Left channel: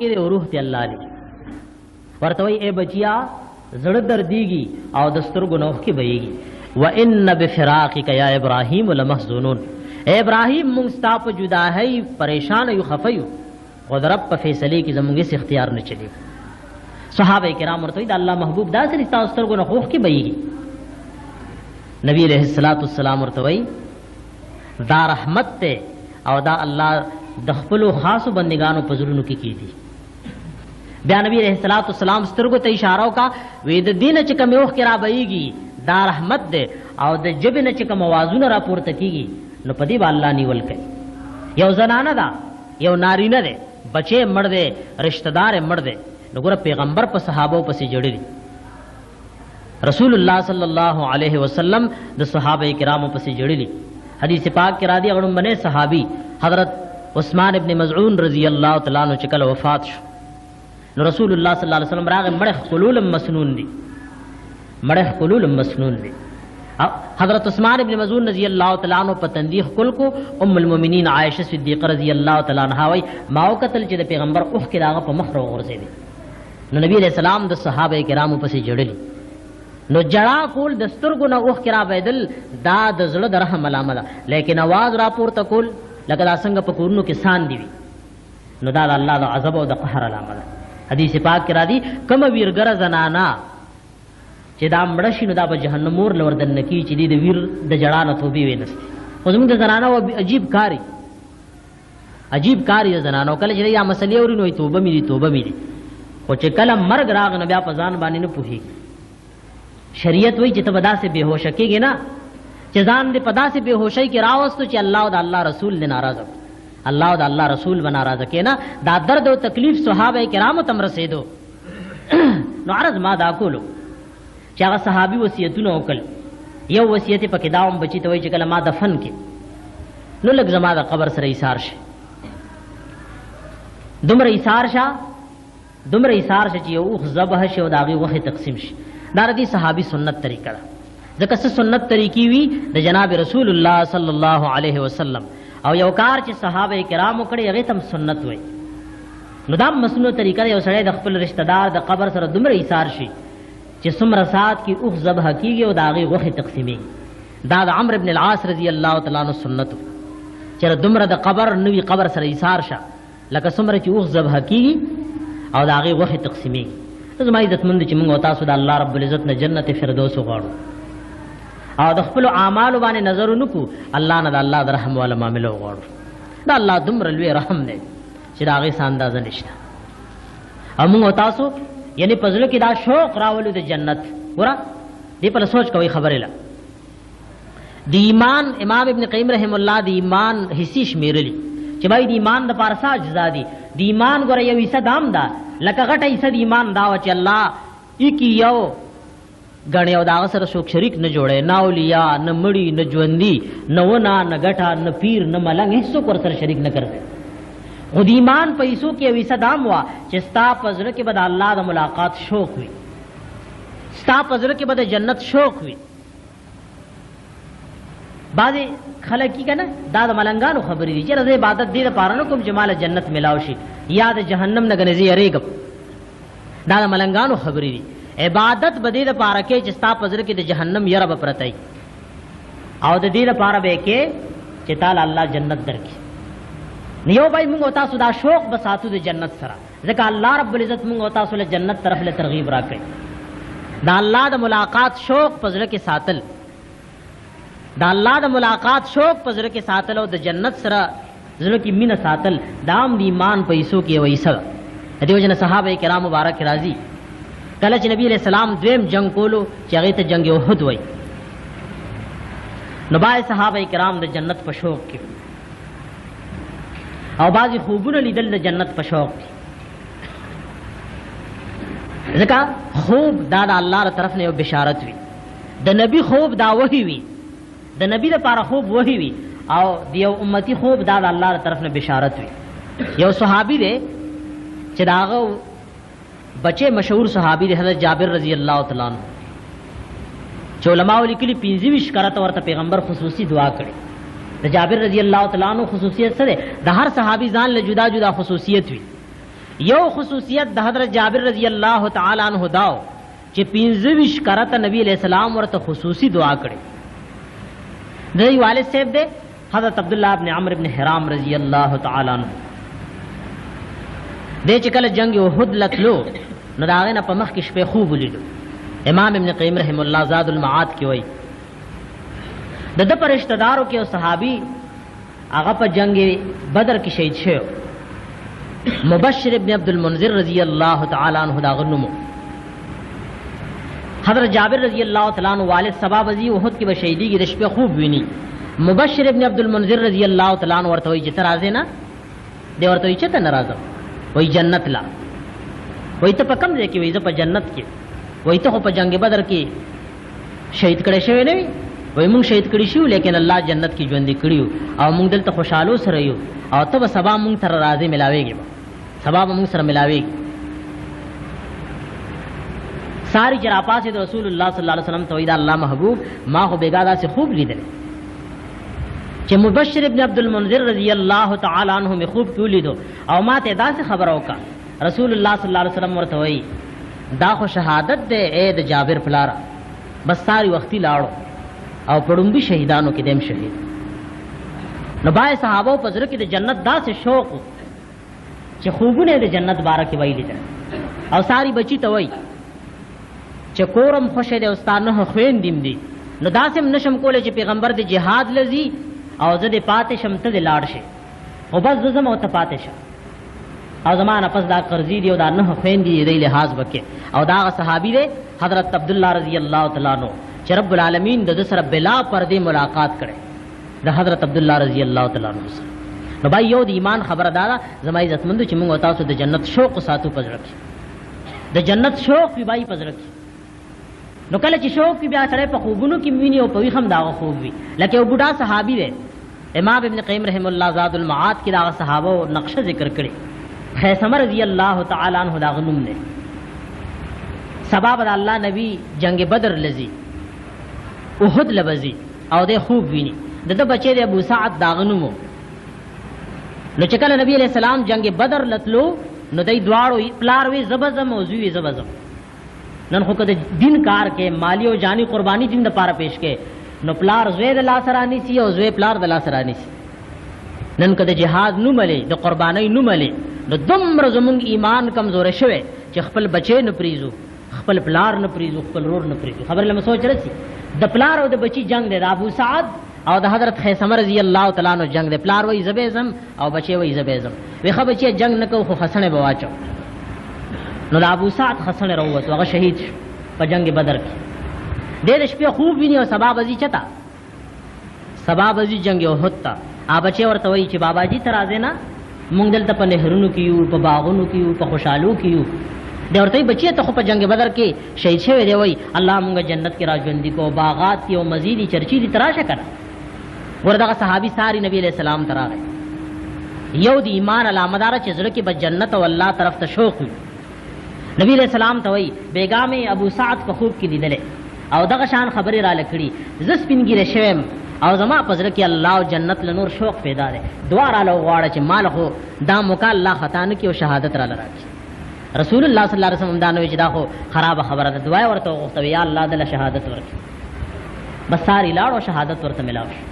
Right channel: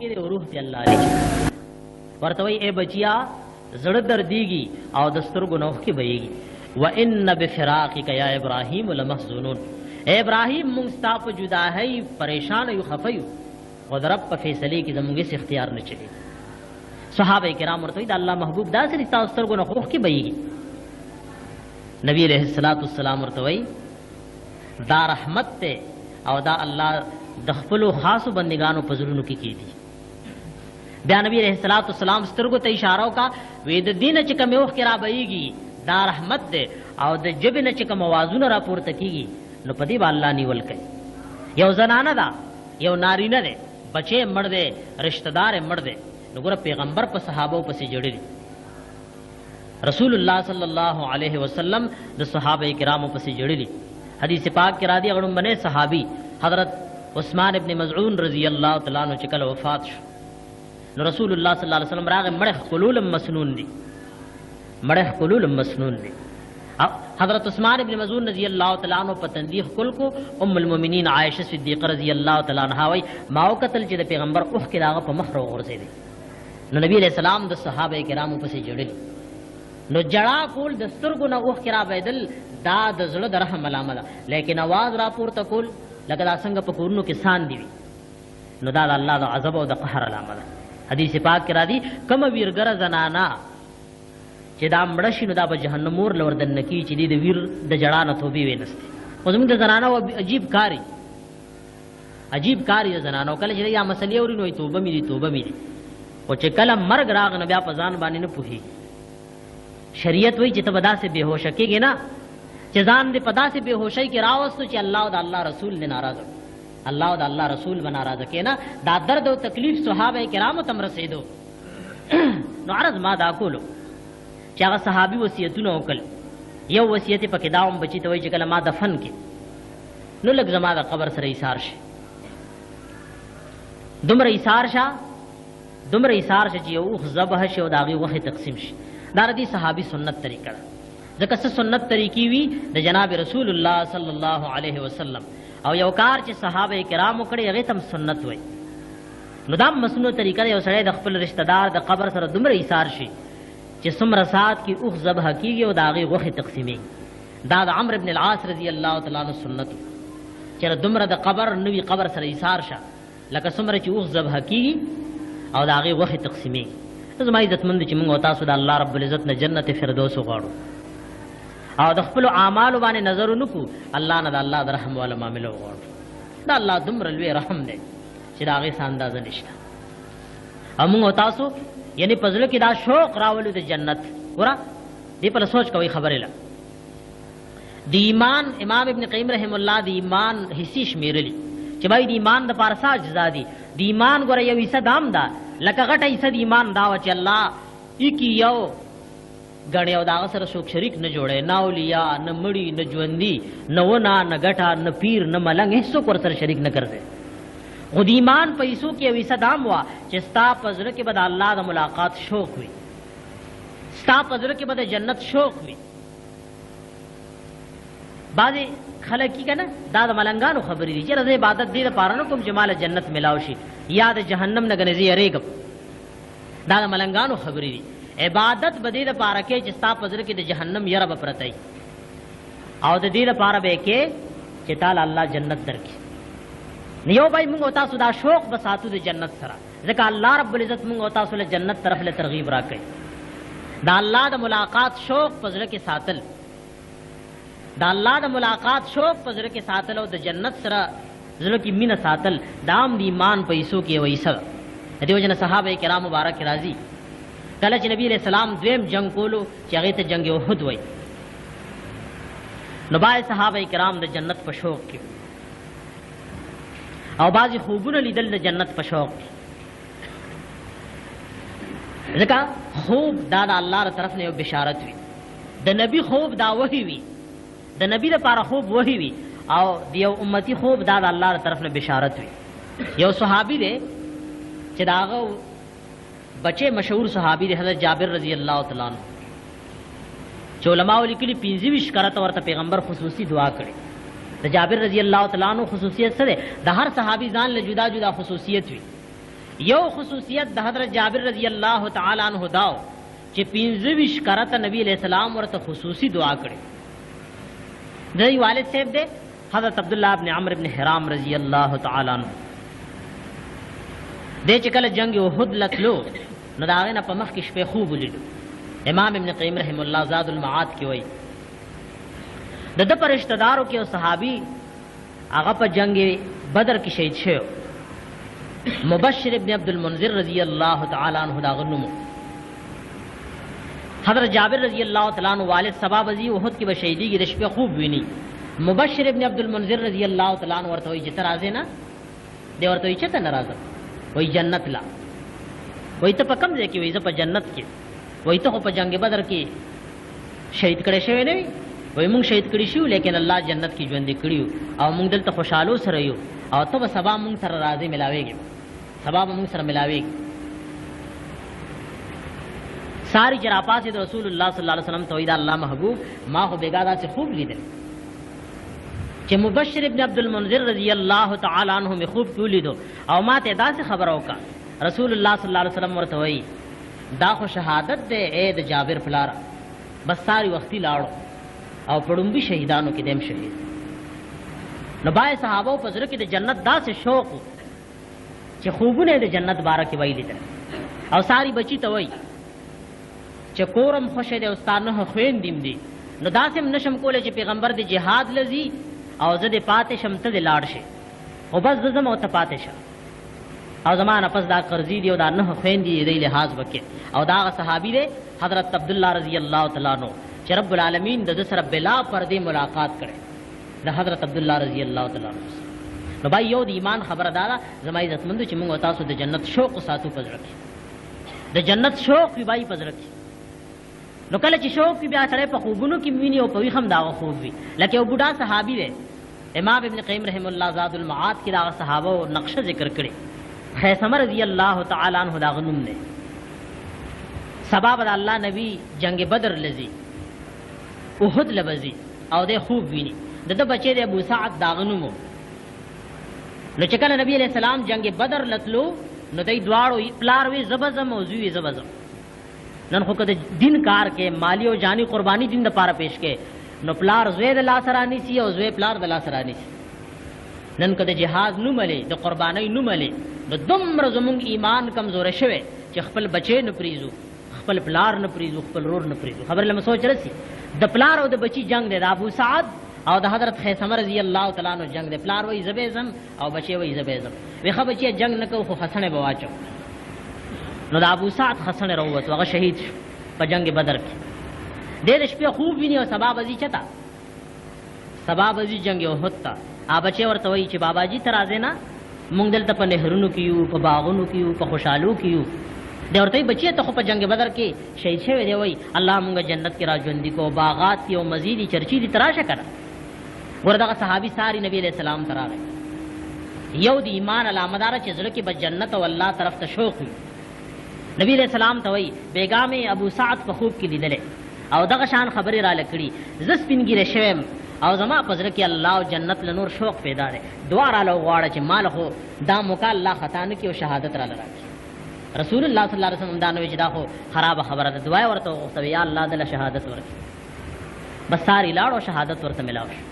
کې روح ته الله لچ ورته وي اے بچیا زړه درديږي او د سترګو نوخ کې بهيږي وان بفراقک یا ابراهیم لمحزونون اے ابراهیم مونږ ستا په جدائی پریشان یو خفیو غضرب په فیصله کې زمونږ هیڅ اختیار نه چلی صحابه کرام ورته د الله محبوب داسې رښتا سترګو نوخ کې بهيږي نبی علیہ الصلوۃ والسلام ورته وي دا رحمت ته او دا الله د خپل خاصو بندگانو په زړونو کې کیږي بیا نبی علیہ الصلوۃ والسلام سترګو ته اشاره وکا وې د دین چې کوم وخت را بهيږي دا رحمت ده او د جبن چې کوم आवाजونه را پورته کیږي نو پدی با الله نیول کوي یو زنانه دا یو نارینه ده بچي مړ ده رشتہ دار مړ ده نو ګره پیغمبر په صحابه پسې جوړي رسول الله صلی الله علیه وسلم د صحابه کرامو پسې جوړي حدیث پاک کې را دي غړم بنه صحابي حضرت عثمان ابن مزعون رضی اللہ تعالی عنہ چکل وفات شو نو رسول اللہ صلی اللہ علیہ وسلم راغ مړخ قلول مسنون دي مړخ قلول مسنون دي حضرت عثمان ابن مزعون رضی اللہ تعالی عنہ په تندیح کل کو ام المؤمنین عائشہ صدیقہ رضی اللہ تعالی عنہا وی ماو قتل چې د پیغمبر اوخ کې داغه په مخ ورغورځي دي نو نبی علیہ السلام د صحابه کرامو پسې جوړلی نو جڑا کول د سترګو نه اوخ کې را بيدل دا د زړه د رحم علامه ده لیکن आवाज را پورته کول لکه دا څنګه په کورونو کې سان دی نو دا د الله د عذاب او د قهر علامه ده حدیث پاک کې را دي کوم ویرګر زنانا چې دا مړ شي نو دا به جهنم اور لور دن کی چې د ویر د جړا نه توبې وینستي خو زموږ د زنانا او عجیب کاری زنانو کله چې یا مسلې اوري نو توبه مې دي خو چې کله مرګ راغ نه بیا په ځان باندې نه پوهي شریعت وایي چې ته به داسې بېهوش کېږې نه چې ځان دې په داسې بېهوشۍ کې راوستو چې الله او د الله رسول دې ناراضه الله او د الله رسول به ناراضه کې نه دا درد او تکلیف صحابه کرامو تم رسېدو نو عرض ما دا کولو چې هغه صحابي وصیتونه وکړل یو وصیت پکې دا هم بچی ته وایي چې کله ما دفن کې نو لږ زما د قبر سره ایثار شي دومره ایثار شه چې یو اوښ ذبح شي او د هغې غوښې تقسیم شي دا د دې صحابي سنت طریقه ده ځکه څه سنت طریقې وي د جناب رسول الله صلی الله علیه وسلم او یو کار چې صحابه کرامو کړی هغې ته هم سنت وایي نو دا مسنون طریقه ده یو سړی د خپل رشتہ دار د قبر سره دومره ایثار شي چې څومره ساعت کې اوښ ذبح کېږي او د هغې غوښې تقسیمېږي دا د عمرو بن العاص رضی الله تعالی عنه سنت و چې دومره د قبر نوي قبر سره ایثار شه لکه څومره چې اوښ ذبح کېږي او د هغې غوښې تقسیمېږي زما عزتمند چې موږ او تاسو د الله رب العزت نه جنت فردوس وغواړو او د خپل اعمالو باندې نظر ونکو الله نه د الله د رحم والا معامله وغواړو دا الله دومره لوی رحم دی چې د هغې څه اندازه نشته او موږ او تاسو یعنی په زړه کې دا شوق راولو د جنت ګوره دې په سوچ کوئ خبرې له د ایمان امام ابن قیم رحم الله د ایمان حصې شمیرلي چې بھائی د ایمان د پاره څه اجزا دي د ایمان ګوره یو حصه دام ده لکه غټه حصه د ایمان دا و چې الله ایکی یو غړې او دا سره څوک شریک نه جوړي نه اولیاء نه مړی نه ژوندۍ نه ونه نه غټه نه پیر نه ملنګ هیڅ څوک ورسره شریک نه کړي خو د ایمان پیسو کې ویسه دام وا چې ستا په زړه کې به د الله د ملاقات شوق وي ستا په زړه کې به د جنت شوق وي بعضې خلک کی کنه دا د ملنګانو خبرې دي چې زه عبادت دې لپاره نه کوم چې مال جنت ملاو شي یا د جهنم نه ګنې زه یریږم دا د ملنګانو خبرې دي عبادت به دې لپاره کې چې ستا په زړه کې د جهنم یره به پرته وي او د دې لپاره به کې چې تعالی الله جنت درکړي نیو بھائی موږ او تاسو دا شوق به ساتو د جنت سره ځکه الله رب العزت موږ او تاسو له جنت طرف له ترغیب راکړي دا الله د ملاقات شوق په زړه کې ساتل دا الله د ملاقات شوق په زړه کې ساتل او د جنت سره زړه کې مینه ساتل دام د ایمان په حصو کې وایسه دیو جن صحابه کرام مبارک راضي کله چې نبی علیہ السلام دویم جنگ کولو چې هغه ته جنگ احد وای نو باندې صحابه کرام د جنت په شوق کې او بعضی خوبونه لیدل د جنت په شوق کې ځکه خوب دا د الله تر طرف نه یو بشارت وي د نبی خوب دا وحی وي د نبی لپاره خوب وحی وي او د یو امتی خوب دا د الله تر طرف نه بشارت وي یو صحابي دی چې داغه بچے مشهور صحابی دی حضرت جابر رضی اللہ تعالی عنہ چې علماء لیکلي 25 کرته ورته پیغمبر خصوصي دعا کړي د جابر رضی اللہ تعالی عنہ خصوصیت سره د هر صحابي ځان له جدا جدا خصوصیت وي یو خصوصیت د حضرت جابر رضی اللہ تعالی عنہ داو چې 25 کرته نبی علیہ السلام ورته خصوصی دعا کړي. دوی والد صاحب دے حضرت عبداللہ ابن عمرو ابن حرام رضی اللہ تعالی عنہ دے چې کله جنگ احد لتلو نو دا غینه په مخ کې شپې خوب ولیدو. امام ابن قیم رحم الله زاد المعاد کې وایي د پر رشتہ دارو کې او صحابي هغه په جنگ بدر کې شهید شو. مبشر ابن عبد المنذر رضی اللہ تعالی عنہ دا غنمو. حضرت جابر رضی اللہ تعالی عنہ والد سبا وزی احد کې بشهیدی کې د شپې خوب ویني. مبشر ابن عبد المنذر رضی اللہ تعالی عنہ ورته وایي چې ته راځې نه؟ دی ورته وایي چې ته نه راځم. وایي جنت لا. وایي ته په کوم ځای کې؟ وایي زه په جنت کې. وایي ته خو په جنگ بدر کې شهید کړی شوی نه وي؟ وایي مونږ شهید کړي شو لیکن الله جنت کې ژوندي کړیو او مونږ دلته خوشحالو سره یو او ته به سبا مونږ سره راځې ملاویږي، سبا به مونږ سره ملاویږي. ساری چرا پاسې د رسول الله صلی الله علیه وسلم ته وایي دا الله محبوب ما خو بیګا داسې خوب لیدل چې مبشر ابن عبد المنذر رضی اللہ تعالی عنہ می خوب کې ولیدو او ما ته داسې خبر وکړه. رسول الله صلی الله علیه وسلم ورته وایي دا خو شهادت دی اے د جابر پلارا. بس ساری وختي لاړو او پړومبي شهیدانو کې دیم شهید. نو بای صحابه په زړه کې د جنت داسې شوق چې خوبونه د جنت باره کې ویلي دي او ساری بچی ته وایي چې کورم خوشه دی استانه خويندیم دي نو داسې نشم کولای چې پیغمبر د جهاد لذي او زه د پاتې شم ته د لاړ شي او بس زما او ته پاتې شه او زمانه پس دا قرضی دی او دا نه خويندې دی لحاظ وکي. او دا صحابي دی حضرت عبداللہ رضی اللہ تعالی عنہ چې رب العالمین د سره بلا پردې ملاقات کړي د حضرت عبداللہ رضی اللہ تعالی عنہ سره. نو بھائی یو د ایمان خبره دا زما عزتمندو چې موږ تاسو د جنت شوق ساتو پزړه د جنت شوق وی بھائی پزړه. نو کله چې شوق بیا سره په خوبونو کې ویني او په وی هم دا خوب وی لکه یو بوډا صحابي دی امام ابن قیم رحم الله زاد المعاد کې دا صحابه او نقشه ذکر کړي. خیثمه رضی اللہ تعالی عنہ دا غنوم نے سبب د الله نبی جنگ بدر لذي احد لبزي او د خوب ویني د بچی د ابو سعد دا غنومو. نو چې کله نبی علیہ السلام جنگ بدر لتلو نو دای دواړو پلار وی زبزم او زوی زبزم. نن خو کده دین کار کې مالی او جانی قربانی دین د پاره پیش کې نو پلار زوی د لاسرانی سی او زوی پلار د لاسرانی سی. نن کده جهاد نو ملي د قربانی نو ملي نو دومره زمونږ ایمان کمزور شوه چې خپل بچی نه پریزو خپل پلار نه پریزو خپل رور نه پریزو. خبر لمه سوچ رسي د پلار او د بچی جنگ دی د ابو سعد او د حضرت خیثمه رضی اللہ تعالی عنہ جنگ دی. پلار وای زبیزم او بچی وای زبیزم. وی خو بچی جنگ نکو خو خسنه بواچو. نو د ابو سعد خسنه وروت هغه شهید شو په جنگ بدر کې. ډېر شپه خوب ویني او سبا بزی چتا سبا بزی جنگ احد تا ا بچی ورته وای چې بابا جی تر ازه نه مونږ دلته په نهرونو کې یو په باغونو کې یو په خوشحالو کې یو. دی ورته بچی ته خو په جنگ بدر کې شهید شوی دی. وای الله مونږ جنت کې راځوندې کو باغات کې او مزيدي چرچی دي تراشه کړه. ورته صحابي ساری نبی علیہ السلام تراغه یو دی ایمان علامه دار چې زړه کې به جنت او الله طرف ته شوق. نبی علیہ السلام ته وای بیګامې ابو سعد په خوب کې لیدلې او دغه شان خبرې را لکړي ز سپینګیره شوم او زما پزړه کې الله او جنت له نور شوق پیدا دی. دعا را لغواړه چې مال خو دا موکا الله خطا نه کې او شهادت را لراکړي. رسول الله صلی الله علیه وسلم دا نوې چې دا خو خراب خبره ده. دعا ورته وغوښته یا الله دله شهادت ورکړي. بس ساری لاړو شهادت ورته ملاو شو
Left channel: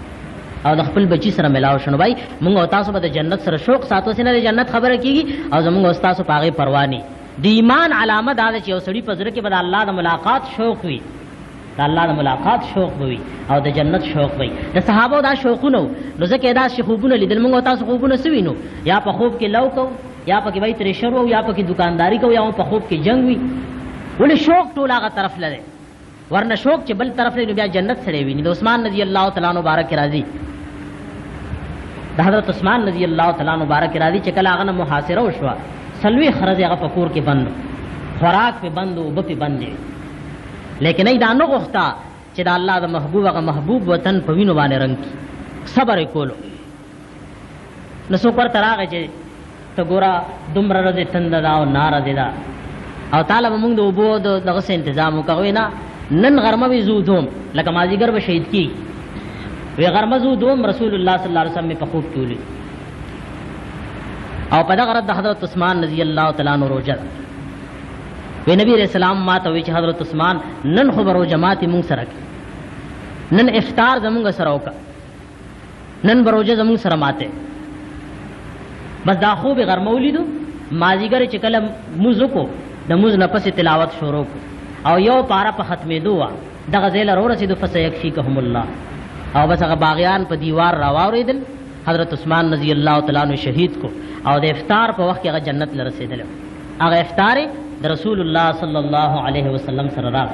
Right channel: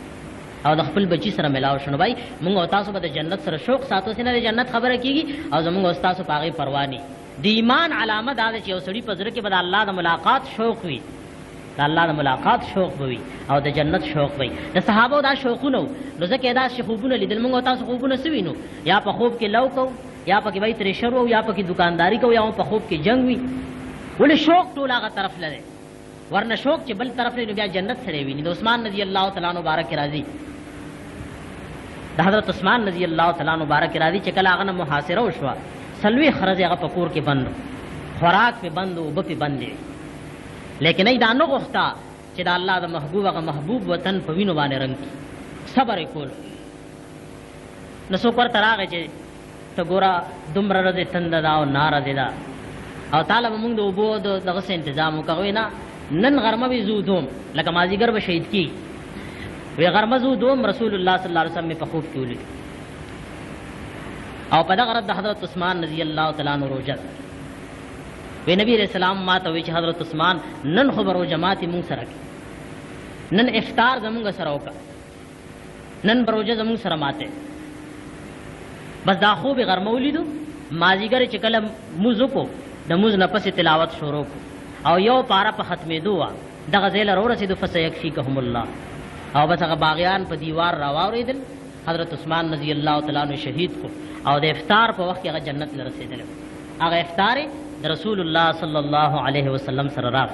او د خپل بچی سره ملاو شنو. بھائی موږ او تاسو به د جنت سره شوق ساتو سینه د جنت خبره کیږي او زموږ او تاسو پاغه پروا نه. د ایمان علامه دا چې یو سړی پزره کې به د الله د ملاقات شوق وي د الله د ملاقات شوق وي او د جنت شوق وي. د صحابه دا شوقونه نو ځکه دا خوبونه لیدل موږ او تاسو خوبونه سوینو یا په خوب کې لو کو یا په کې وای تر شروع یا په کې دکانداری کو یا په خوب کې جنگ وي. ولې شوق ټول هغه طرف لره ورنه شوق چې بل طرف لري بیا جنت سره وي. د عثمان رضی الله تعالی عنہ مبارک راضي د حضرت عثمان رضی اللہ تعالی عنہ مبارک راضي چې کله هغه محاصره وشوه سلوي خرج هغه پکور کې بند خوراک په بند او په بند دي. لیکن ای دا نو غوښتا چې د الله د محبوب هغه محبوب وطن په وینو باندې رنگ صبر کولو. نو څوک ورته راغی چې ته ګوره دومره ورځې تنده ده او ناره دې ده او تعالی به مونږ د اوبو دغه څه انتظام وکړو. نه نن غرمه وي زو دوم لکه مازیګر به شهید کی وی غرمه زو دوم رسول الله صلی الله علیه وسلم په خوب کې ولید. او په دغه رد حضرت عثمان رضی الله تعالی عنہ روزه وی نبی علیہ السلام ما ته وی چې حضرت عثمان نن خو برو جماعت مونږ سره نن افطار زمونږ سره وکړه نن بروجه زمونږ سره ماته بس دا خوب غرمه ولیدو مازیګر چې کله موږ کو د موږ نه پسې تلاوت شروع کو او یو پارا په ختمېدو وا دغه ځای لرو رسیدو فسيكفيكهم الله او بس هغه باغیان په دیوار راواوریدل حضرت عثمان رضی الله تعالی عنہ شهید کو او د افطار په وخت کې هغه جنت لرسیدل هغه افطار د رسول الله صلی الله علیه وسلم سره راغ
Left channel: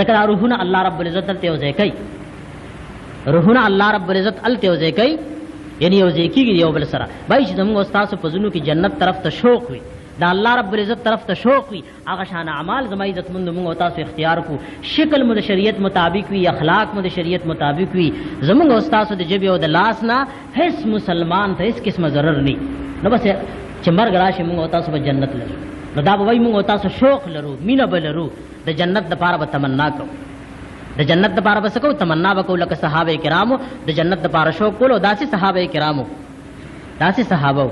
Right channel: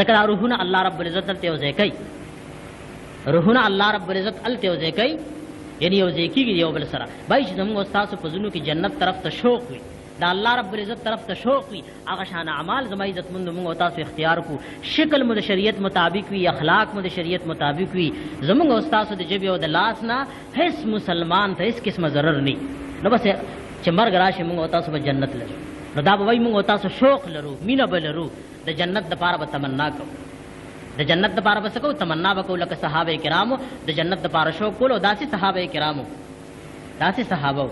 ذکر روحنا الله رب العزت ته وځي کوي روحنا الله رب العزت ال ته وځي کوي یعنی وځي کیږي یو بل سره بای چې زموږ استاد په زونو کې جنت طرف ته شوق وي دا الله رب العزت طرف ته شوق وي هغه شان اعمال زما عزت مند موږ تاسو اختیار کو شکل مو د شریعت مطابق وي اخلاق مو د شریعت مطابق وي زموږ استاد د جبه او د لاس نه هیڅ مسلمان ته هیڅ قسمه ضرر نه نو بس چې مرګ راشي موږ تاسو په جنت لرو نو دا به وای موږ تاسو شوق لرو مینه بلرو د جنت د پاره به تمنا کو د جنت د پاره بس کو تمنا وکول لکه صحابه کرامو د جنت د پاره شوق کولو داسې صحابه کرامو داسې صحابه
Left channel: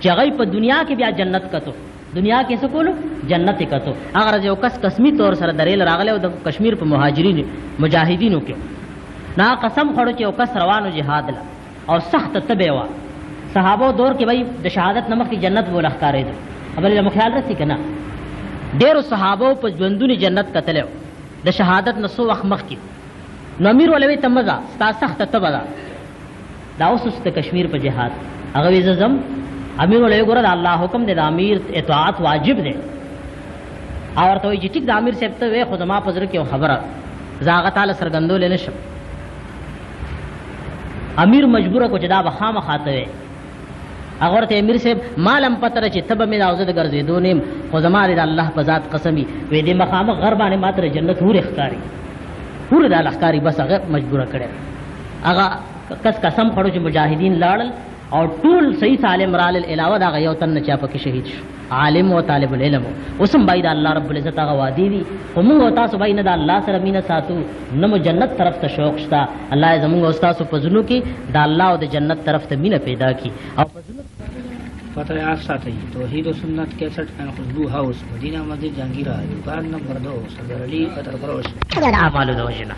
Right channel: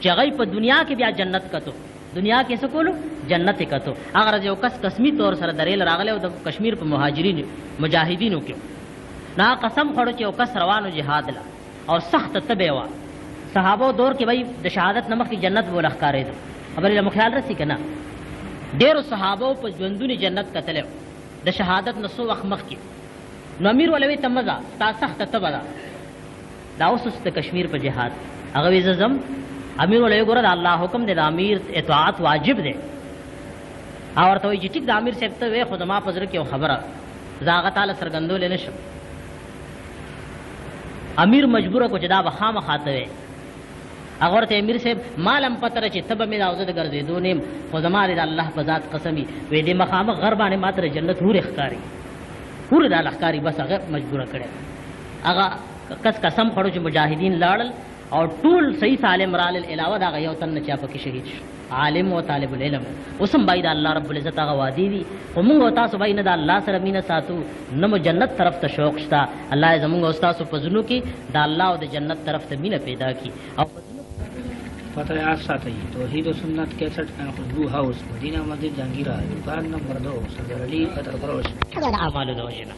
چې هغه په دنیا کې بیا جنت کتو دنیا کې څه کولو جنت کتو اگر یو کس قسمی طور سره دریل راغله او د کشمیر په مهاجرین مجاهدینو کې نا قسم خورو چې یو کس روانو جهاد لا او سخت تبه وا صحابه دور کې وای د شهادت نمک کی جنت بول ښکارې دي خبر له خیال رسی کنه ډېر صحابه په ژوندونی جنت کتلو د شهادت نسو وخت مخ کې نو امیر ولوي تمزا ستا سخت تبدا دا اوس د کشمیر په جهاد هغه وی زم امیر ولوي ګور الله حکم دی د امیر اطاعت واجب دی او ورته وی چې ټیک د امیر صاحب ته وې خو ما پزره کې خبره زاغه تعالی سرګندول نه شو امیر مجبور کو چې دا بخامه خاطه وي اگر ته امیر صاحب مالم پتر چې تب مې راوځه د ګرځېدو نیم خو زما د الله په ذات قسمی وې دې مخامه غربانه ماتره جنت هور اخکاری هور د اخکاری بس هغه مجبور کړي هغه کس قسم خړو چې مجاهدین لاړل او ټول صحیح سالم رال العلاوه دا یو تن چا پکې شهید شو عالم او طالب العلم اوسم باید الله رب العزت هغه وادي دي او موږ تاسو باید نه د الله سره مینه ساتو نو جنت طرف ته شوق شتا الله زموږ استاد په زونو کې د الله او د جنت طرف ته مینه پیدا کی او فتح آپ ساتھی توحید و سنت 61 خوشبو ہاؤس مدینہ مسجد جہانگیرہ دکان نمبر 2 صدر علی قطر پروس اعمال دوجنا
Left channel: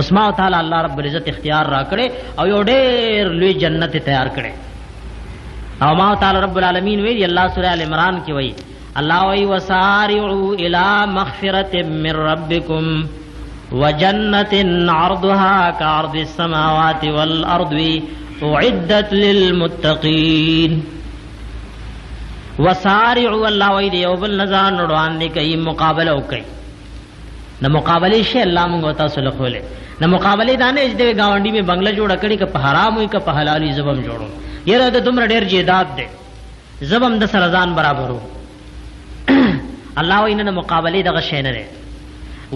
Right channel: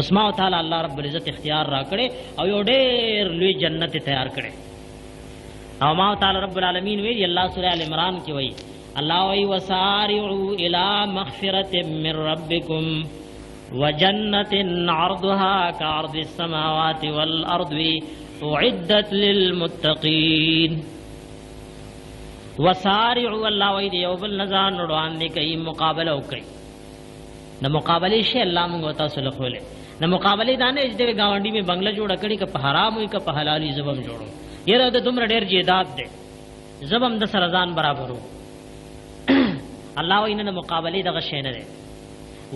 عثمان تعالی الله رب العزت اختیار را کړي او یو ډېر لوی جنت تیار کړي او ما تعالی رب العالمین وی الله سورہ ال عمران کې وی الله وی وسارعوا الى مغفرة من ربكم وجنة عرضها كعرض السماوات والارض اعدت للمتقين وسارعوا الله وی دی او بل نزان روان دي کوي مقابله وکي نو مقابله شي الله موږ تاسو له خوله نو مقابله دانه دې گاونډي می بنگله جوړ کړي که په حرام وي که په حلالي زبم جوړو یره ته تمره ډېر جیدات دي زبم د سرزان برابرو الله وی نه مقابله دغه شي نه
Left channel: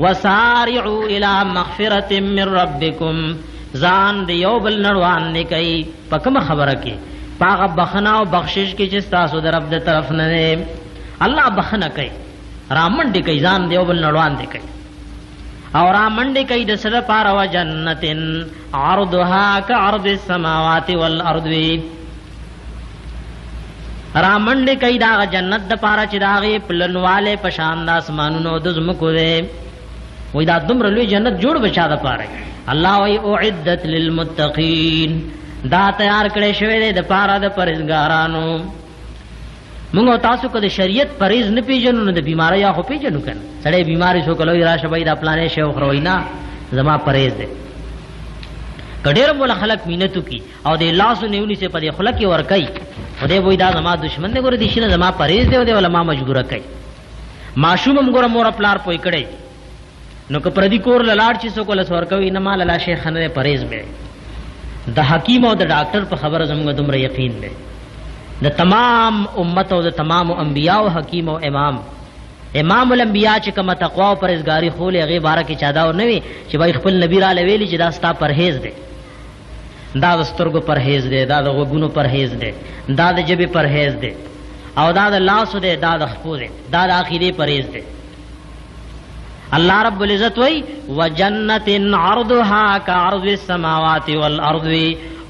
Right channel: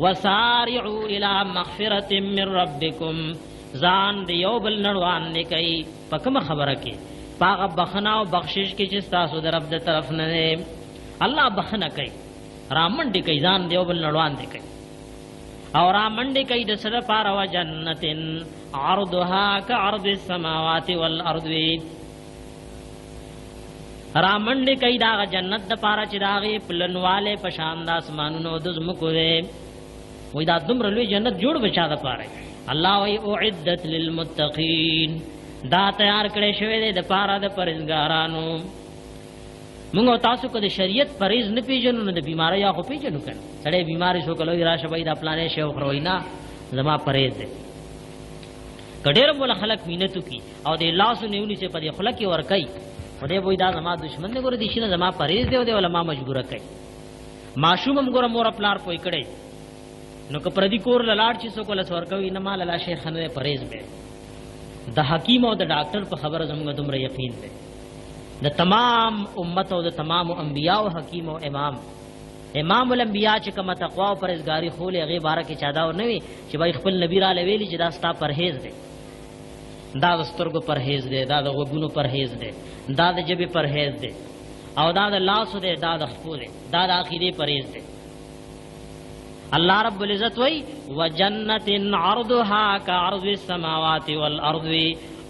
وسارعوا الى مغفرة من ربكم ځان دی یو بل نړوان نه کوي په کوم خبره کې پاغه بخنا او بخشش کې چې تاسو د رب د طرف نه الله بخنه کوي رامنډي کوي ځان دی یو بل نړوان دی کوي او رامنډي کوي د سره پار او جنتن عرضها كعرض السماوات والارض رامنډي کوي دا جنت د پاره چې داغه پلنواله پشان د اسمانونو د زمکو دی وای دا دمر لوی جنت جوړ بچا د پاره الله وی اعدت للمتقین دا تیار کړی شوی دی د پاره د پرهیزګارانو موږ تاسو کده شریعت پرهیز نه پیژنو نه د بیماری خو پیژنو کنه سړی بیماری شو کله راشه بای دا پلانې شو خروینا زما پرهیز دی کډیر مولا خلق مينتو کی او د لاسو نیونی سے په خلق کې ور کوي خدای وای دا زما دشمن دی ګور دي شنه زما پرهیز دی ولا ما مجبور کوي معشوم ګور مور پلار پوي کړي نو که پردي کور لاړ چې سو کول سور کوي نه مال لا شیخ نه پرهیز به د حکیم او د ډاکټر په خبره زموږ دومره یقین دی د تمام امت او د تمام انبیاء او حکیم او امام الانبیاء چې کومه تقوا او پرهیزګاری خو له غي بارے کې چادا او نوي چې وای خپل نبی را لویلی چې دا ستا پرهیز دی دا د سترګو پرهیز دی دا د غوګونو پرهیز دی دا د جبه پرهیز دی او دا د لاس دی دا د خپو دی دا د اخیری پرهیز دی الله رب العزت وی وجنت عرضها كعرض السماوات والارض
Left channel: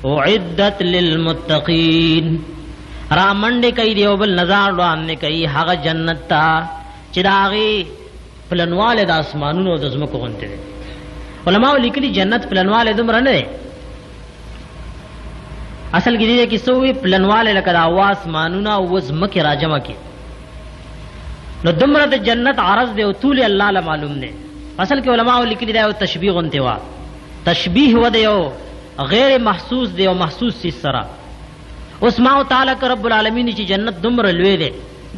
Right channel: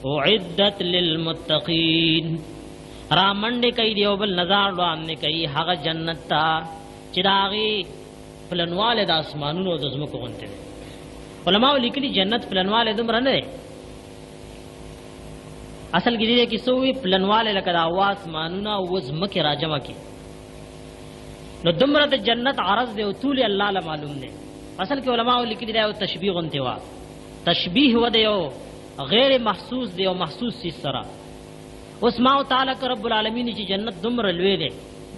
اعدت للمتقين را منډې کوي دیو بل نظر وړاندې کوي هغه جنت ته چې د هغې پلنواله د اسمانونو د ځمکو غوندې دی. علماء لیکلي جنت پلنواله دومره نه دی، اصل کې دې کې څه وي پلنواله لکه د هوا اسمانونه او ځمکې راجمع کړي، نو دومره د جنت عرض دی او طول الله له معلوم دی. اصل کې علماء لیکلي دا یو تشبیه غوندې وه، تشبیه و د یو غیر محسوس دی او محسوس چیز سره. اوس ما تعالی که رب العالمین چې جنت دومره لوی دی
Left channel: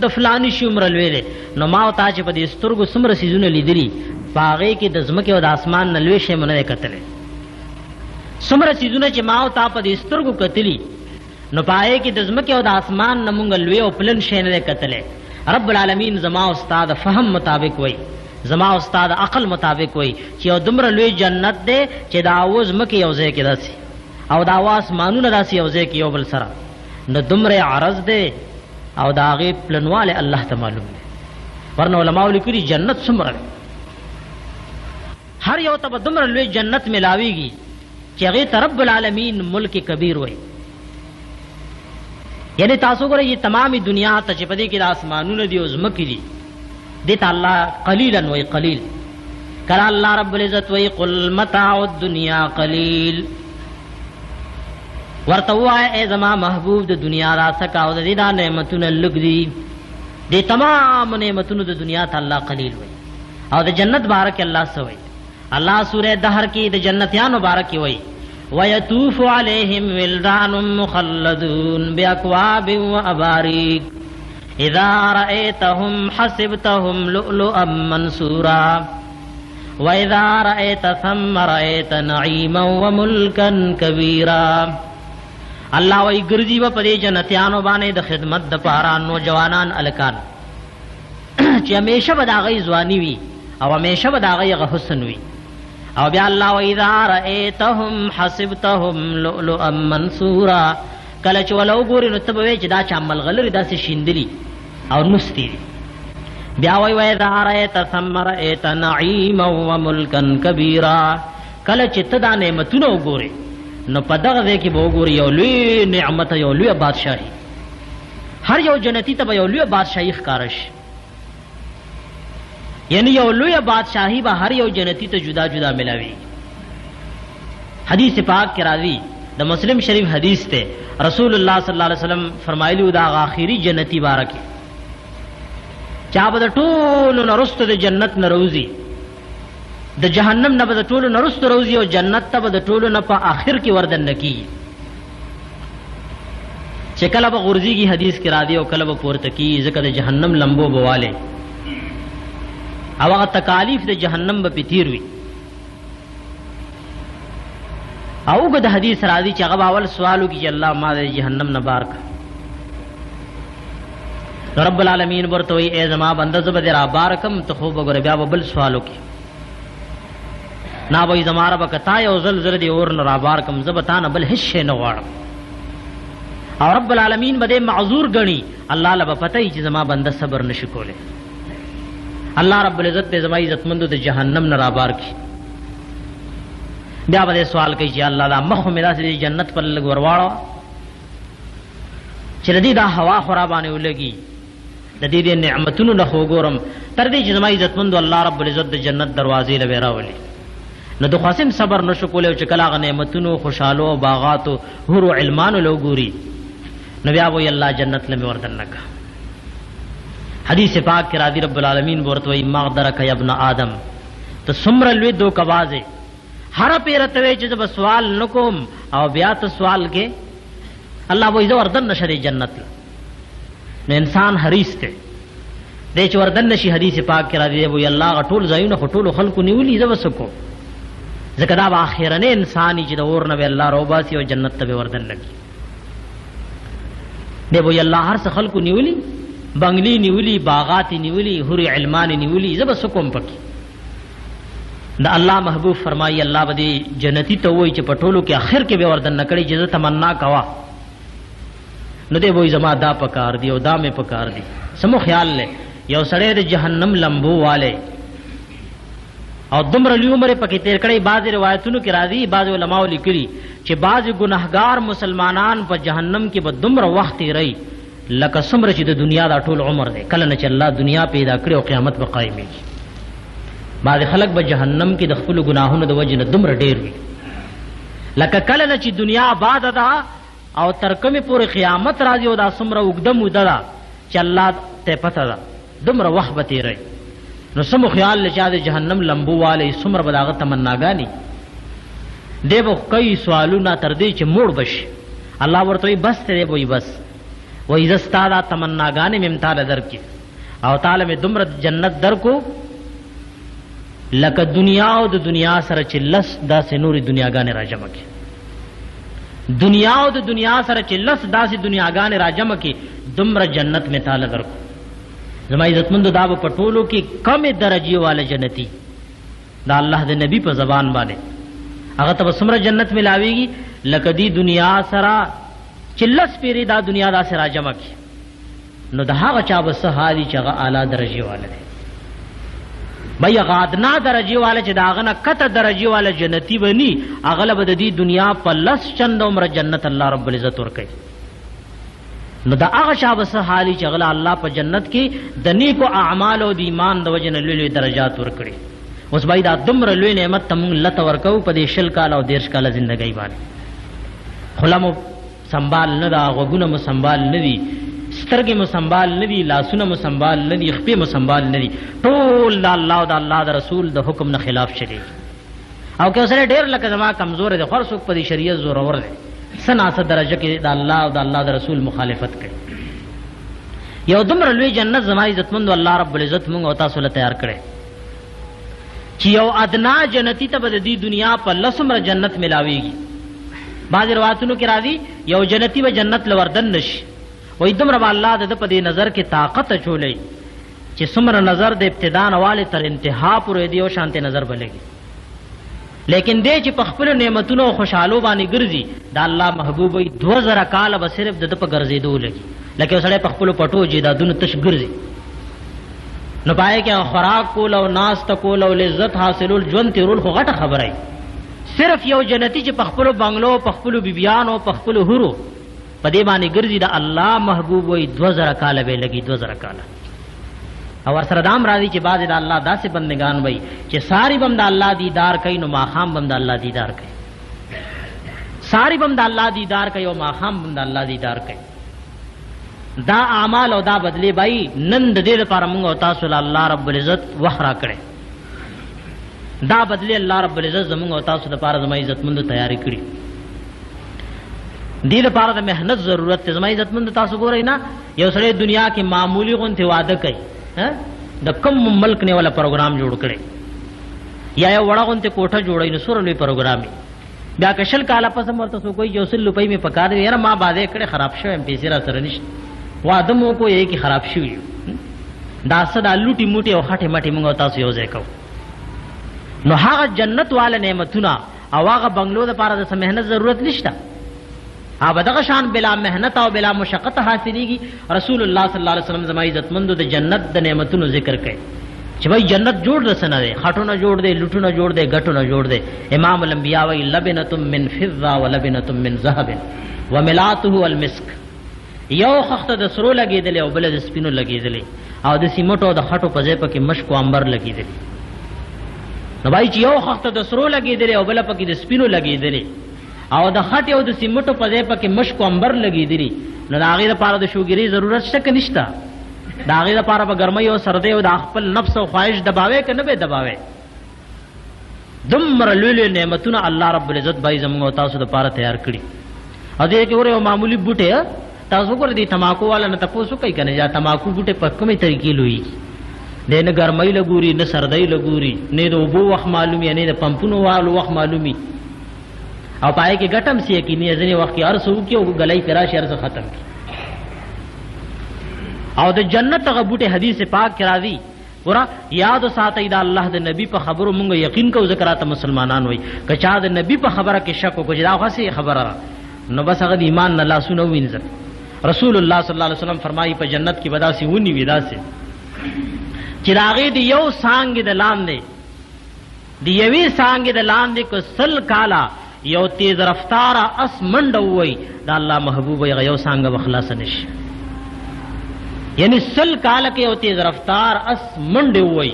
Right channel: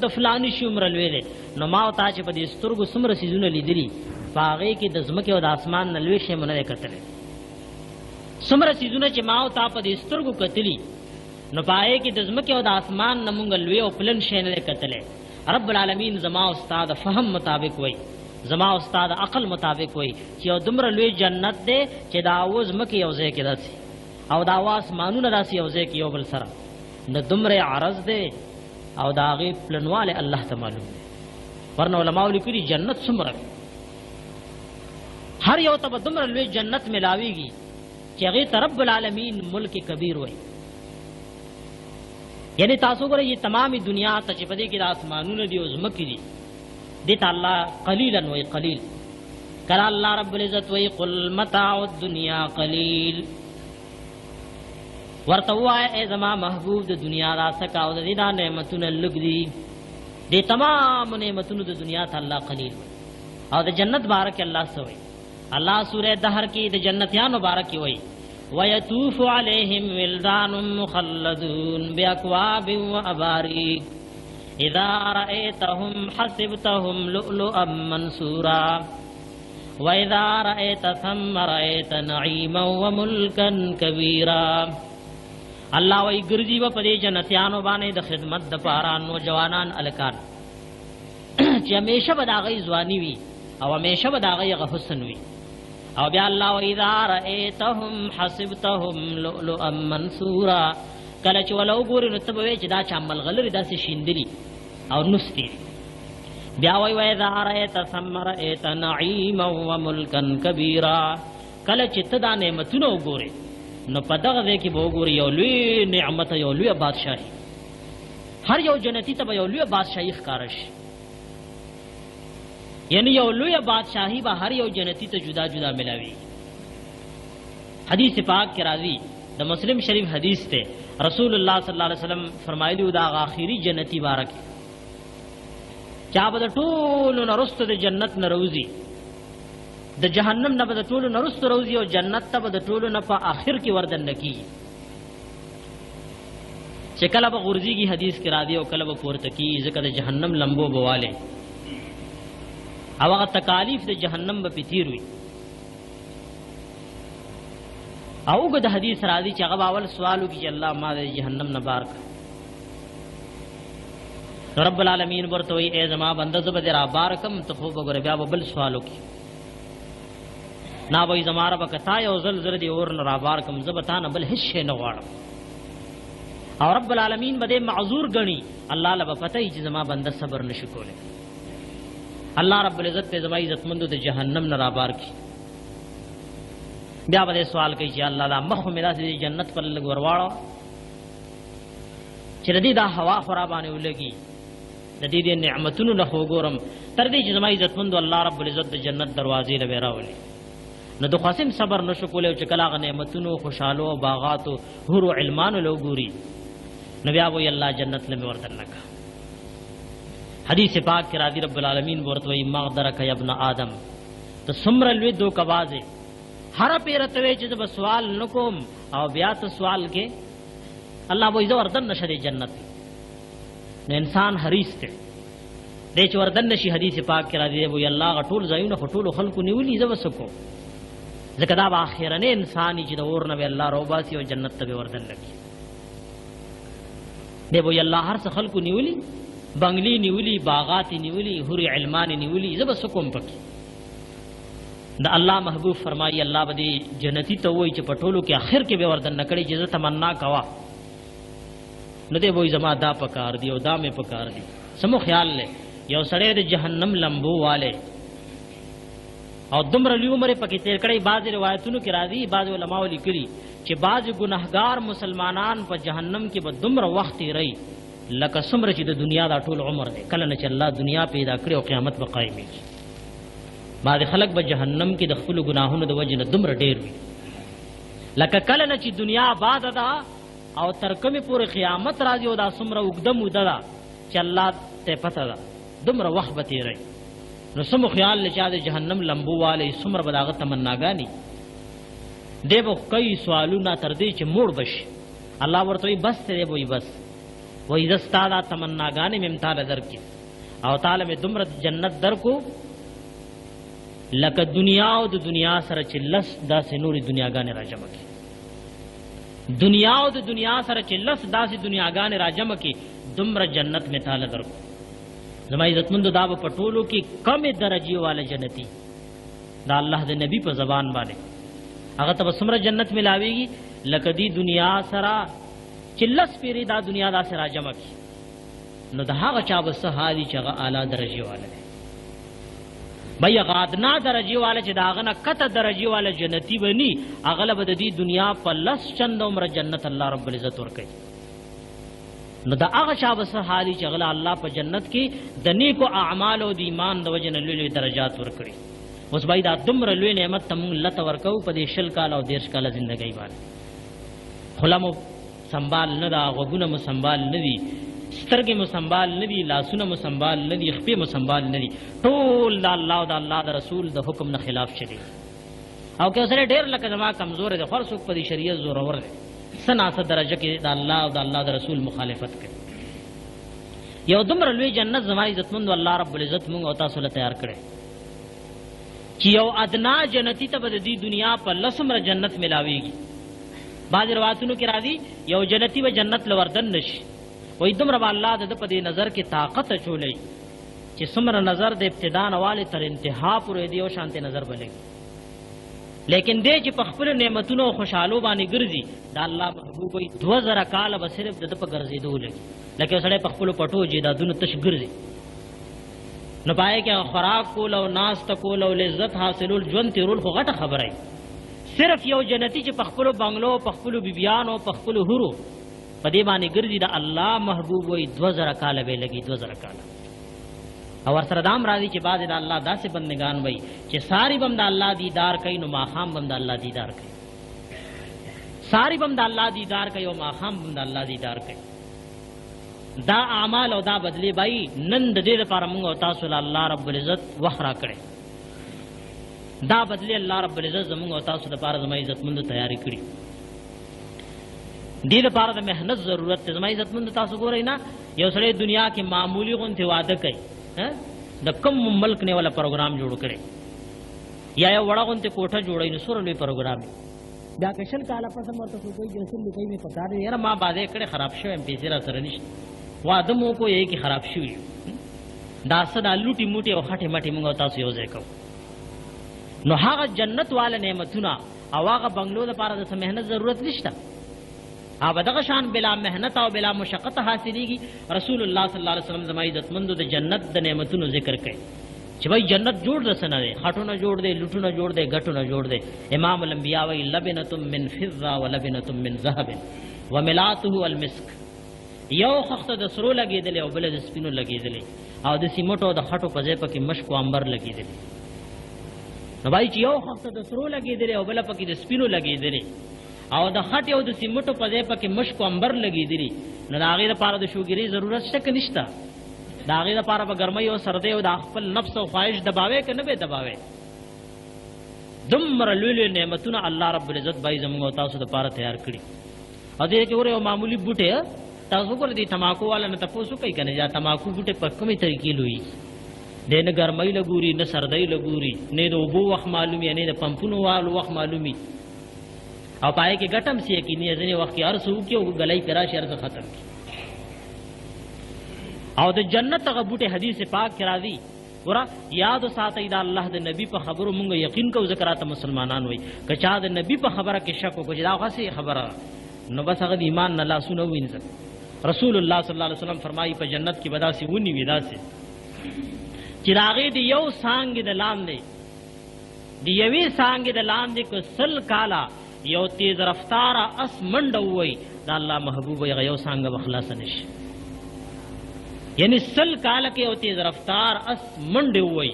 د فلانی شي عمره لوی دی، نو ما او تا چې په دې سترګو څومره څیزونه لیدلي په هغې کې د ځمکې او د اسمان نه لوی شی مو نه دی کتلی. څومره څیزونه چې ما او تا په دې سترګو کتلي نو په هغې کې د ځمکې او د اسمان نه مونږ لوی او پلن شی نه دی کتلی. رب العالمین زما او ستا د فهم مطابق وایي، زما او ستا د عقل مطابق وایي چې یو دومره لوی جنت دی چې د هغو ځمکې یو ځای کې داسې او د هغو اسمانونه داسې یو ځای کې یو بل سره، نو دومره عرض دی او د هغې پلنواله الله ته معلوم دی. ورنه علماء لیکلي جنت څومره دی، هر یو ته به دومره لوی جنت ملاویږي چې هغې ته رب العالمین ملک کبیر وایي. یعنی تاسو ګورئ تمامي دنیا ته چې په دې کې د اسمانونه دي او ځمکې دي، دې ته الله قلیلا وایي، قلیل. کله الله رب العزت وایي قل متاع الدنیا قلیل، ورته ووایه ای زما محبوب د دنیا را څکه او د دې دا نعمتونه لږ دي، دې تمام نعمتونو د دنیا ته الله قلیل وایي. او د جنت باره کې الله څه وایي؟ الله سورہ دهر کې د جنتیانو باره کې وایي وَيَطُوفُ عَلَيْهِمْ وِلْدَانٌ مُّخَلَّدُونَ بِأَكْوَابٍ وَأَبَارِيقَ إِذَا رَأَيْتَهُمْ حَسِبْتَهُمْ لُؤْلُؤًا مَّنثُورًا وَإِذَا رَأَيْتَ ثَمَّ رَأَيْتَ نَعِيمًا وَمُلْكًا كَبِيرًا. الله وی ګرځي و په دې جنتیانو باندې د خدمت د پاره نوجوانان الکان چې همیشه به د هغې ځواني وي او همیشه به د هغې حسن وي. او بیا الله وَإِذَا رَأَيْتَهُمْ حَسِبْتَهُمْ لُؤْلُؤًا مَّنثُورًا، کله چې وله وګورې نو ته به وایې چې دا چا ملغلرې داسې شیندلي او نستي دي. بیا وایي وَإِذَا رَأَيْتَ ثَمَّ رَأَيْتَ نَعِيمًا وَمُلْكًا كَبِيرًا، کله چې ته دا نعمتونه وګورې نو په دغه ځای کې به وګورې یو لوی نعمت، یو لویه بادشاهي. هر یو جنتي ته به یو لویه بادشاهي ښکاره شي، یعنی یو لویه بادشاهي به هر یو جنتی ته جدا جدا ملاوي. حدیث پاک کې راځي، د مسلم شریف حدیث ته رسول الله صلی الله علیه وسلم فرمایلی دا آخري جنتی باره کې چا به د ټولو نه وروسته د جنت نه روزي، د جهنم نه به د ټولو نه وروسته روزي او جنت ته به د ټولو نه په آخر کې وردننه کېږي. چې کله به غورځېږي حدیث کې راځي او کله به پورته کېږي، ځکه د جهنم لمبو به والی او هغه تکالیف د جهنم به پې تیر وي. او اوږد حدیث راځي چې هغه به اول سوال وکړي چې الله ما د جهنم نه بار کړه. رب العالمین ورته وایي ای زما بنده زه به دې را بار کړم، ته خوب وګوره بیا به بل سوال وکړي. نا وایي زما ربه که تا یو ځل زه دې اور نه را بار کړم، زه به تا نه بل هېڅ شی نه غواړم. او رب العالمین به دې معذور ګڼي، الله له به پته وي چې زما بنده صبر نشي کولی. الله رب العزت دې زما عزتمندو د جهنم نه رابار کړي. بیا به دې سوال کوي چې الله دا مخ مې داسې د جنت پر لږ ورواړه چې د دې دا هوا خو را باندې ولګي، د دې نعمتونو نه خو وګورم، تر دې چې زما عزتمندو الله رب العزت د جنت دروازې له به راولي. نو د خاصم صبر نشو کولی او چې کله هغه نعمتونو خوشحالو او باغاتو حور و علمانو له وګوري نو بیا وایي الله جنت له مې وردننه کړه. حدیث پاک کې راځي رب العالمین ورته وایي مغدرک یا ابن آدم، ته څومره لوی دوکهباز یې، هره پیره ته وایي چې زه به سوال نه کوم او بیا ته سوال کې الله وایي زه وردننه شه دې جنت. نو انسان حریص دی دی چې وردننه شي. حدیث پاک کې راځي وایي الله هغه ټول ځایونه خو ټولو خلکو نیولي، زه به څه کوم، ځکه دا به آخرنی انسان چې د اور نه به الله راوباسي او جنت ته به وردننه کړي. دی وایي الله هر څه خلکو نیولي، بنگلی نیولی، باغات نیولی، حور علمان نیولی، زه به څه کوم پکې. د الله محبوب فرمایي الله به دې جنتی ته وایي چې په ټولو کې آخر کې به وردننه کړي چې زه تمنا کوه. نو دی وایي زما دا پکار دی او دا مې پکار دی. سمو خیال لې یو سړی د جهنم لمبو والی او دومره لوی عمر پکې تیر کړی. بعضې روایتونو کې راځي، بعضې علماو لیکلي چې بعضې ګناهګار مسلمانان په جهنم کې به دومره وخت تیروي لکه څومره چې د دنیا دا ټول عمر دی کله نه چې الله دنیا پیدا کړي او قیامت به قایمېږي بعضې خلک به جهنم کې د خپلو ګناهونو د وجې نه دومره ډېر وي لکه کله نه چې دنیا آباده ده او تر کومې پورې قیامت راځي او دا څومره اوږده موده ده چې الله ته پته ده دومره وخت به تېروي نو څه مو خیال له چا د جهنم لمبو والی څومره به د هغه تمناګانې دی به کوي سوالونه تر دې چې موړ بشي الله ورته وایي بس دی به وایي بس وایي زه ستا دا تمناګانې مې تاله درکړي او تاله مې دومره جنت درکو لکه دنیا او د دنیا سره چې لس داسې نورې دنیاګانې را جمع کړي دنیا او د دنیا سره چې لس داسې دنیاګانې را جمع کړي دومره جنت مې تاله درکو زما عزتمندو دا به په ټولو کې کمې درجې والا جنتي دا الله د نبی په زبان باندې هغه ته به څومره جنت ملاویږي لکه دی دنیا سره چې لس پیرې دا دنیا داسې را جمع کړي نو د هغه چا به څه حال وي چې هغه اعلی درجې والا دی بھئی هغه ادنا درجې والا چې د هغه نه کته درجې والا جنتي به ني هغه له به د دې دنیا په لس چنده عمره جنت الله رب العزت ورکوي نو د هغه چا به څه حال وي چې هغه الله په جنت کې د نیکو اعمالو د ایمان د وجې نه لوی لوی درجات ورکړي اوس بھئی دا دومره لوی نعمت ته مونږ لته ورکوو په دې 20 کاله او 30 کاله زندګۍ باندې خوله مو سنبال نه ده غوږونه مو سنبال نه دي سترګې مو سنبال نه دي لاسونه مو سنبال نه دي خپې مو سنبال نه دي ټول د الله او د الله د رسول د حکم نه خلاف چلېږي او که سره ډېر لکه زما کمزوره دی خو هر څوک په دې شریعت زورور دی څه ناڅه درجه کې د الله او د الله د رسول مخالفت کوي یو دومره لوی جنت زما عزتمندو الله رب العزت مونږ او تاسو له تیار کړی چې یو ادنا جنتی ته به د دې دنیا په لسمره جنت ملاویږي بعضې روایتونو کې راځي یو جنتی به جنت له وردن نشي وایي دومره به الله د ده په دې نظر کې طاقت اچولی چې څومره نظر د ابتدا نه والې تر انتها پورې د یو شانتې نظر به لګي لیکن دی چې په خپلو نعمتونو او خوشحالو باندې ګرځي د الله محبوب وایي 2000 کاله به صرف د ده په ګرځېدو لګي لکه یو سړی په خپلو پټو جیدادونو تش ګرځي نو پای کې خوراک کول او ناسته کول او لذت حاصلول ژوند تېرول خو غټه خبره وي صرف یو جنتی چې په خپلو بنګلو په خپلو بیبیانو په خپلو هورو په دې باندې ګرځي د الله محبوب وایي 2000 کاله به لګي 2000 کاله او ورسره دا هم راځي چې بعضې د الله داسې بندګان وایي چې ساری به هم د الله دیدار کوي نو ماښام به هم د الله دیدار کوي ساری به هم د الله دیدار کوي او ماښام به هم د الله دیدار کوي دا اعمال او دا بدلی بھائی نن د دې لپاره موږ او تاسو له الله رب العزت وخت راکړی دا بدلی الله رب العزت زموږ او تاسو لپاره زما عزتمندو تیاری کړي دې لپاره د محنت ضرورت دی زما عزتمندو تاسو ګورئ نه یو سړی دنیا کې معمولی غوندې واده کوي د کوم ملک نه والا پروګرام جوړ کړي یا یو وړه غوندې کوټه جوړوي نو څومره لوی پروګرام وي بیا که 20 کاله پس هم ورته څوک وایي 100 روپۍ مې پکار دی یاره ما باندې کړې خراب شوی یم پیسې را سره نشته واده مو کو یې کې خراب شوي دا څه دا لوټي موټي او خټې مټې موږ تاسو یو ځای کوو نو هغه جنت والا نعمتونه او هغه بنګلو دپاره د څه محنت ضرورت نشته هغه دغه شان بلا محنت او بلا مشقت حاصلېږي رسول الله صلی الله علیه وسلم زما عزتمندو د جنت د نعمتونو ذکر کوي چې بھائی جنت جوړ د څه نه دی خټونه جوړ دی لوټونه جوړ دی ګټونه جوړ دی امام الانبیاء وایي لبنة من فضة ولبنة من ذهب وملاته المسک یو خخته د سرو لګېدلې او بله د سپینو لګېدلې او د سیمټو او د خټو په ځای پکې مشک او عنبر لګېدلې نو بھائی چې یو خخته د سرو لګېدلې او بله پکې د سپینو لګېدلې او د خټې او د سیمټو په ځای پکې مشک او عنبر لګېدلې نو د هغې دپاره د شوګیرۍ ضرورت شته که نشته د هغې دپاره به ګرمۍ او سردۍ او د خپل نفس او خواهش دباوی که نه به دباوی دومره لوی لوی نعمتونه الله رب العزت بھائی زموږ او تاسو دپاره تیار کړي او دې کې یو معمولي بوټی تاسو ګورئ دې تماکو والا نه تپوس وکړئ که نه یا تماکو بوټی په کومې طریقې لویږي دی نه ګرمۍ له ګوري نه سردۍ له ګوري نه د اوبو وخت معلومي نه د پمپونو والو وخت معلومي او پای کې ګټم سی یقیني ځینې وخت کې هر څه وکړي او ګلۍ پرې راشي هر څه ختم کړي او د جنت هغه بوټی حدیث پاک کې راځي ګوره یاد ساتئ د الله د نبی په خبرو مونږ یقین کوو ځکه راته مسلمانان وایي که چا د نبی په خبره کې شک وکړو چې دا خو هسې خبره ده نو بس هغه د ایمان نه لاسونه ووینځل رسول الله صلی الله علیه وسلم فرمایي په جنت کې به داسې ونې وي داسې چې د هغې د یو څانګې د لاندې د یوې څانګې د لاندې که 100 کاله یو تیز رفتاره اس منډه ووایي د الله محبوب هغه یو څانګه به خلاصه نه شي یعنی سل کال کې او تیز رفتار اس منډه وای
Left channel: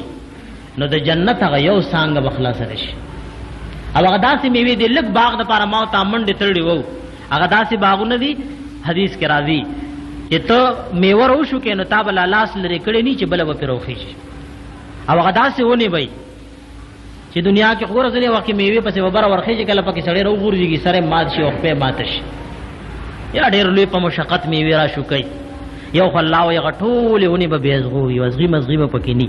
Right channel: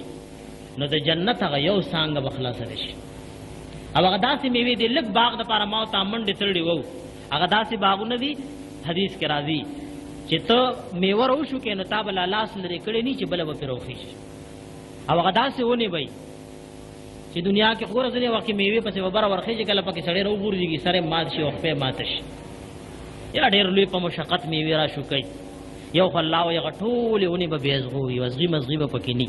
نو د جنت هغه یو څنګه بخلاص شي. او هغه داسې میوه دي لږ باغ د پاره ما ته منډه تړلی وو، هغه داسې باغونه دي حدیث کې راځي چې ته میوه روشو کې نو تا بل لاس لري کړي نه چې بل به پروخي شي. او هغه داسې ونی وای چې دنیا کې خور ځلې وکه میوه پسې وبره ورخې چې کله پکې سړی وګورځي سره مات شي او په مات شي. یا ډېر لوی په مشقت میوه را شو کوي یو الله او یو ټول ونی به بیزغو یو ازغي مزغي به پکې ني.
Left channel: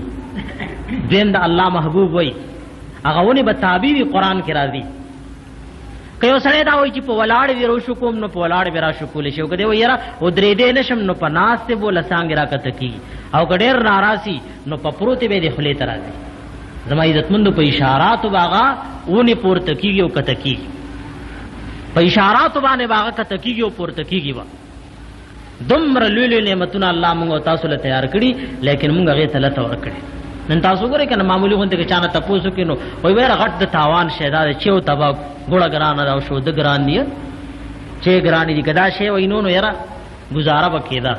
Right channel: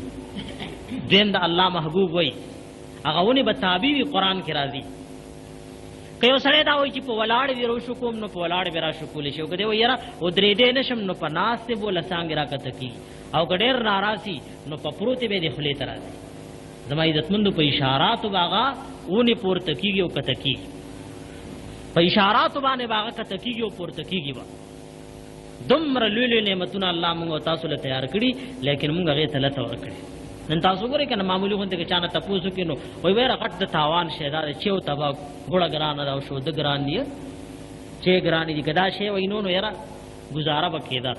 دین د الله محبوب وای هغه ونی به تعبیر قرآن کې راځي. که یو سړی دا وایي چې په ولاړ وی رو شو کوم نو په ولاړ به را شو کولې شو کده وایي را و درې دې نشم نو په ناس ته بوله څنګه را کته کی او ګډیر ناراضي نو په پروت به دې خلې ترازي. زما عزتمند په اشارات باغا ونی پورته کیږي او کته کیږي، په اشارات باندې باغا کته کیږي او پورته کیږي. وا دمر لولو نعمتونه الله موږ تاسو له تیار کړی لیکن موږ هغه ته لته ور کړی. نن تاسو ګورئ کنه معمولی غونډه کې چانه تاسو کینو وای وره غټ د تاوان شهدا چې او تبا ګوړه ګران راو شو د ګران دی چې ګران دي کدا شی وینو نو یاره گزاره وکیدا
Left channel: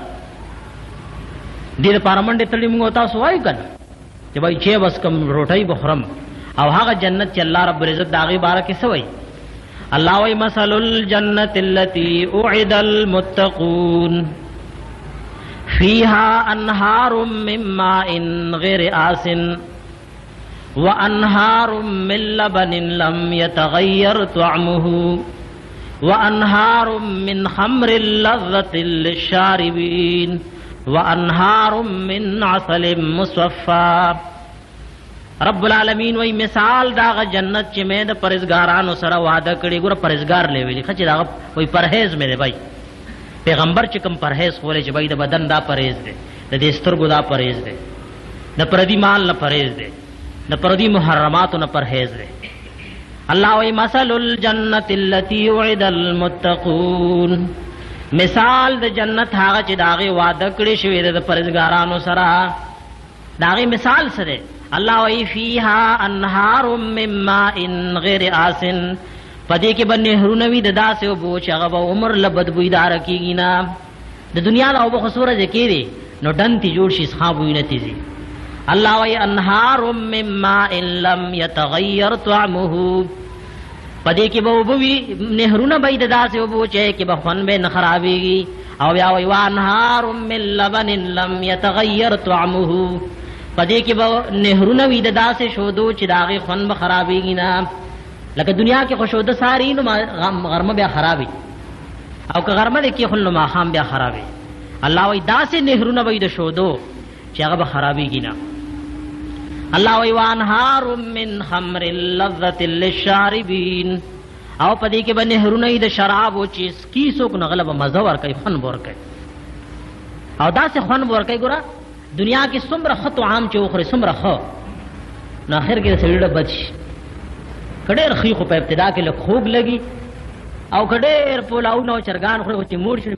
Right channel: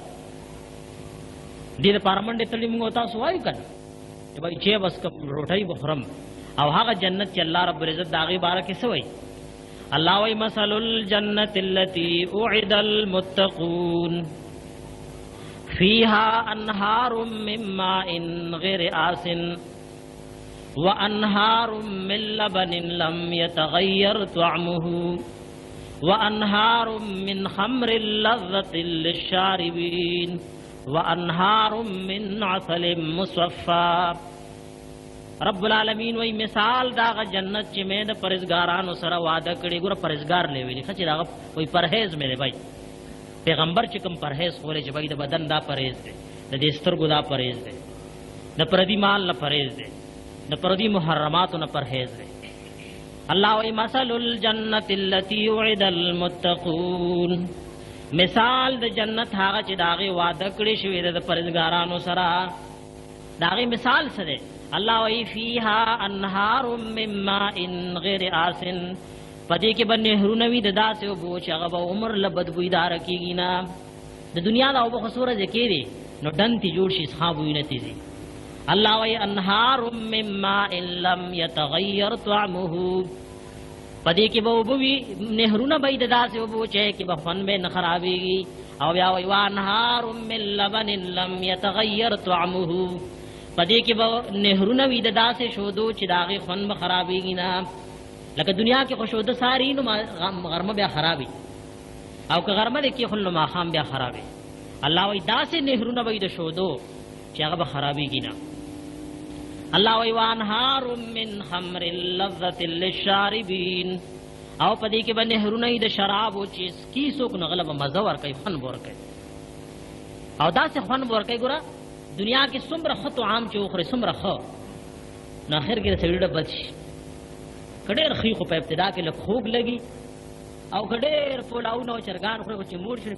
دې پارمنډ تړي موږ تاسو وای کنه چې وای چې بس کم روټي بخرم او هغه جنت چې الله رب العزت داغي بارکه سوي. الله وای مثل الجنه التي اعد المتقون فيها انهار من ماء غير آسن وانهار من لبن لم يتغير طعمه وانهار من خمر لذة للشاربين وانهار من عسل مصفى. رب العالمین وی مثال دا جنت چې مې د پرهیزګارانو سره وعده کړی. ګوره پرهیزګار لوي خچ دا وی پرهیز مې دی بھائی پیغمبر چې کوم پرهیز خوري چې بای د بدن دا پرهیز دی، د دې سترګو دا پرهیز دی، د پردي مال نه پرهیز دی، د پردي محرماتو نه پرهیز دی. الله وی مثل الجنه التي وعد المتقون مثال د جنت هغه چې داغه وعده کړی شوی د پرهیزګارانو سره داغه مثال سره. الله وی فيها انهار من ماء غير آسن پدې کې باندې هرونه وي د داسې او بوچ هغه عمر لبد بویدار کیږي نه. د دنیا لا او خسوره ذکرې نو دنتي جوړ شي ښا بوینه تیزي. الله وی انهار من ماء لم يتغير طعمه پدې کې به وبوي نهرونه به د داسې او بوچ کې به خون به نه خرابېږي. او بیا وی وانهار من لبن لم يتغير طعمه پدې کې به نهرونه وي د داسې شودو چې داغه خون به خرابېږي نه. لکه دنیا کې خوشوده ساری نو غرمه بیا خرابي او که غرمه کې خل ما خام بیا خرابي. الله وی داسې نهرونه وي د شودو چې هغه به خرابيږي نه. الله وی وانهار من خمر لذة للشاربين او پدې کې به نهرونه د شراب او چې کی څوک نه غلبه مزه ور کوي خن ور کوي او داسې خن ور کوي. ګوره دنیا کې څومره خطو عام چې وخره څومره خو نه اخر کې سړی بچ کډیر خو په ابتدا کې له خوب لګي او کډیر پولاو نو چرګان خو چې موړ شي